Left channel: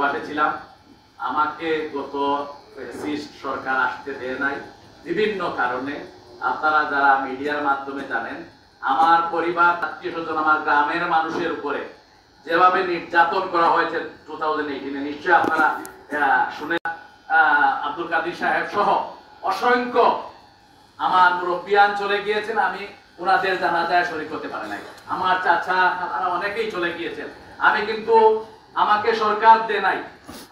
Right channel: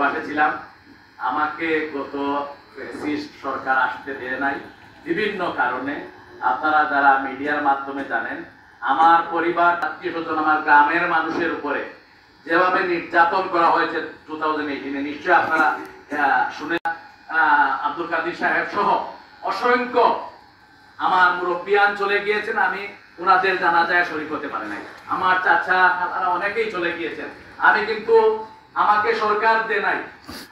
প্রবাসে ছিলাম, আমাকে গত ফ্যাসিস্ট সরকার আসতে দেয় নাই বিভিন্ন কারণে। আপনারা যারা মিডিয়ার মাধ্যমে জানেন, আমার পরিবার, আত্মীয় স্বজন, আমার গ্রামের মানুষের উপরে যেভাবে নির্যাতন করা হয়েছে 2018 নিশ্চয়ই আপনারা শুনে, আব্দুল কাদির সাহেব সহ অসংখ্য আমার মুরব্বিয়ান চলে গিয়েছেন, আমি ওনাদের জানাজায় শরীক হতে পারি নাই। আমার চাচা তারা অনেকেই চলে গিয়েছেন, আমি কিন্তু আমাকে সরকার দেয় নাই।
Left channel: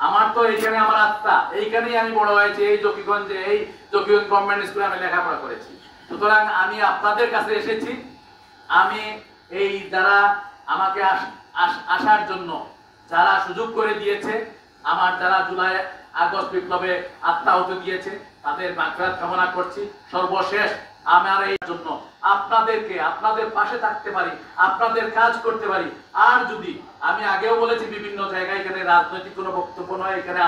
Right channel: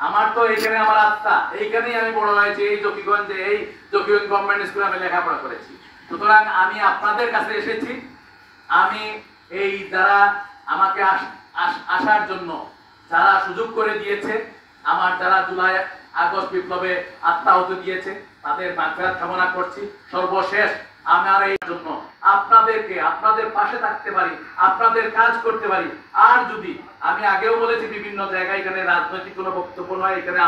আমার তো এইখানে আমার আত্মা, এইখানেই আমি বড় হয়েছি, এই জকিগঞ্জে, এই জকিগঞ্জ গভর্নমেন্ট স্কুলে আমি লেখাপড়া করেছি। সুতরাং আমি আপনাদের কাছে এসেছি, আমি এই যারা আমাকে আসার জন্য যারা সুযোগ করে দিয়েছে, আমার যারা জুলাই আগস্ট বিপ্লবে আত্মাহুতি দিয়েছে, তাদের মাগফিরাত কামনা করছি। সর্বশেষ আমার এই জন্য আপনাদেরকে, আপনাদের পাশে থাকতে পারি, আপনাদের কাজ করতে পারি। আর যদি আমি আগেও বলেছি বিভিন্ন জায়গায়, এখানে রাজনৈতিক কোনো বক্তব্য নয়, এখানে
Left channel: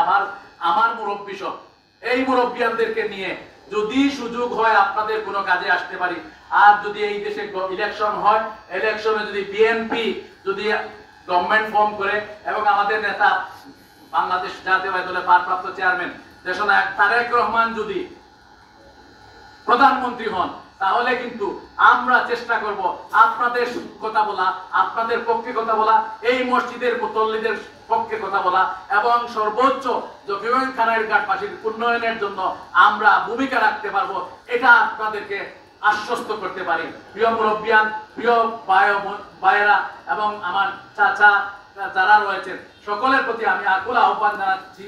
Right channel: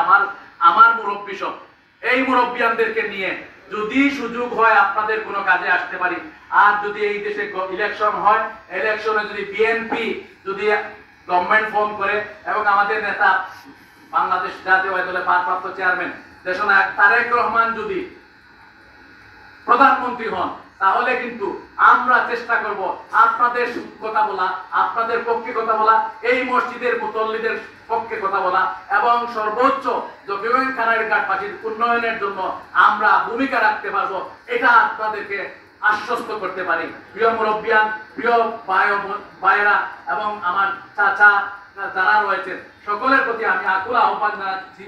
আমার মুরব্বী সব, এই মুরব্বিয়ানদেরকে নিয়ে যদি সুযোগ হয় আপনাদের কোনো কাজে আসতে পারি। আর যদি এই দেশে ইলেকশন হয়, ইলেকশনে যদি বিএনপি যদি গভর্নমেন্ট ফর্ম করে এবং আমাদের নেতা বাংলাদেশ জাতীয়তাবাদী দলের ভারপ্রাপ্ত চেয়ারম্যান দেশনায়ক তারেক রহমান যদি প্রধানমন্ত্রী হন, তাহলে কিন্তু আমরা চেষ্টা করব আপনাদের কথা বলা, আপনাদের পক্ষে কথা বলা, এই মসজিদের মুতল্লিদের পক্ষে কথা বলা এবং সর্বোচ্চ জকিগঞ্জ খানারঘাটবাসীর উন্নয়নের জন্য আমরা ভূমিকা রাখতে পারবো, এটা আপনাদেরকে আশ্বস্ত করতে পারি। প্রিয় মুরব্বিয়ান, প্রিয় ভাইয়েরা এবং আমার চাচা যারা রয়েছেন, সকলের প্রতি আমি আকুল আহ্বান জানাচ্ছি,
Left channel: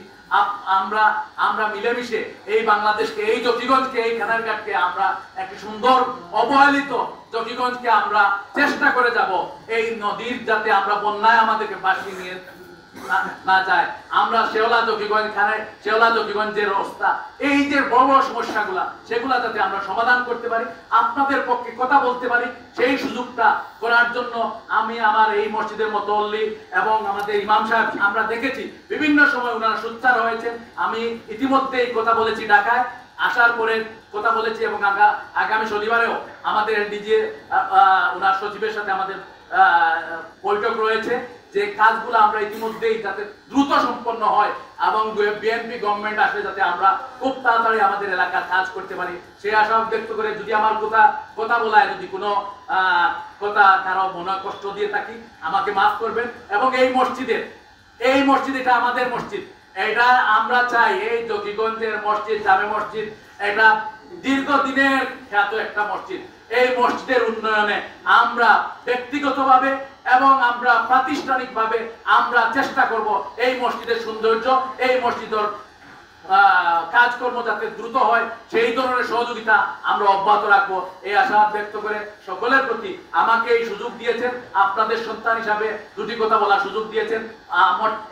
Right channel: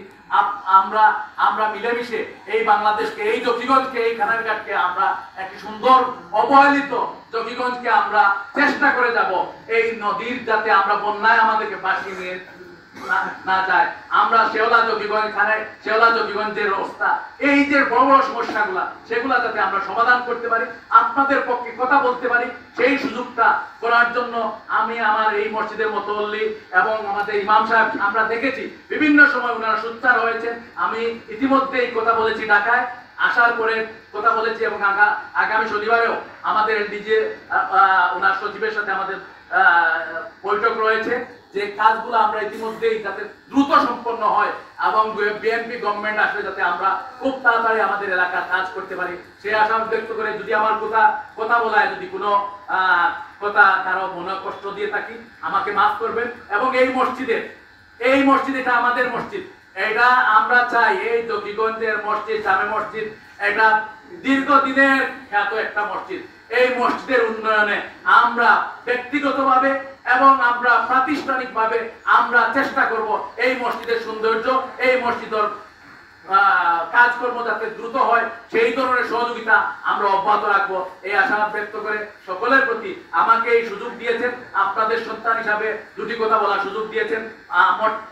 আমরা মিলেমিশে এই বাংলাদেশকে, এই জকিগঞ্জকে, এই খানারঘাটকে আমরা একটি সুন্দর অবহেলিত জকিগঞ্জকে আমরা চেষ্টা করে যাব এই নদীর, যাতে আমরা বন্যায় আমাদেরকে ভাসিয়ে নিয়ে না যায়। আমরা শেওলা জকিগঞ্জের অবস্থা, এই যে বড় বড় সমস্যাগুলা, সেগুলা যাতে আমরা সমাধান করতে পারি, আপনাদের পক্ষে কথা বলতে পারি, সেই সুযোগটা করার জন্য আমি আমার এই মসজিদের মুতওয়াল্লি এবং আমাদের ইমাম সাহেব, আমরা দেখেছি বিভিন্ন সময় ওনারা সোচ্চার হয়েছেন। আমি ইতিমধ্যেই কথা বলেছি, ঢাকায় আসার পরে কথা বলেছি এবং আগামী শনিবারেও আমাদের ডিজে ওনার সচিবের সাথে আমাদের বৈঠক রয়েছে, যে কাজগুলো আমরা ইতিমধ্যেই যাতে দ্রুত সম্পন্ন হয় এবং বিএনপি গভর্নমেন্ট আসলে যাতে আমরা খুব তাড়াতাড়ি আমাদের এলাকার কাজ করতে পারি, সেই আশা ব্যক্ত করে যদি আমার কথা বলায় যদি কোনো কথা কারো মনে কষ্ট দিয়ে থাকি, আমাকে মাফ করবেন। এবং এই মসজিদ এটা আমাদের মসজিদ, এটা আমরা চাই এই জকিগঞ্জের মসজিদ, জামে মসজিদ, এটা দীর্ঘদিনের খ্যাত একটা মসজিদ। এই মসজিদের উন্নয়নে আমরা ব্যক্তিগতভাবে এবং আমরা প্রাতিষ্ঠানিকভাবে আমরা চেষ্টা করব এই মসজিদের সৌন্দর্য, এই মসজিদের কাজকর্ম যাতে দ্রুত হয়, সেই ধরনের সহযোগিতা আমরা অব্যাহত রাখবো, এই আশাবাদ ব্যক্ত করে সকলের প্রতি আমাকে এই সুযোগ দিয়েছেন, আপনাদের সন্তান হিসাবে দুটি কথা বলার সুযোগ দিয়েছেন,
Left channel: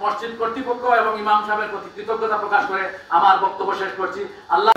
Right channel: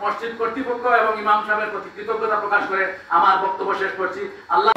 মসজিদ কর্তৃপক্ষ এবং ইমাম সাহেবের প্রতি কৃতজ্ঞতা প্রকাশ করে আমার বক্তব্য শেষ করছি। আল্লাহ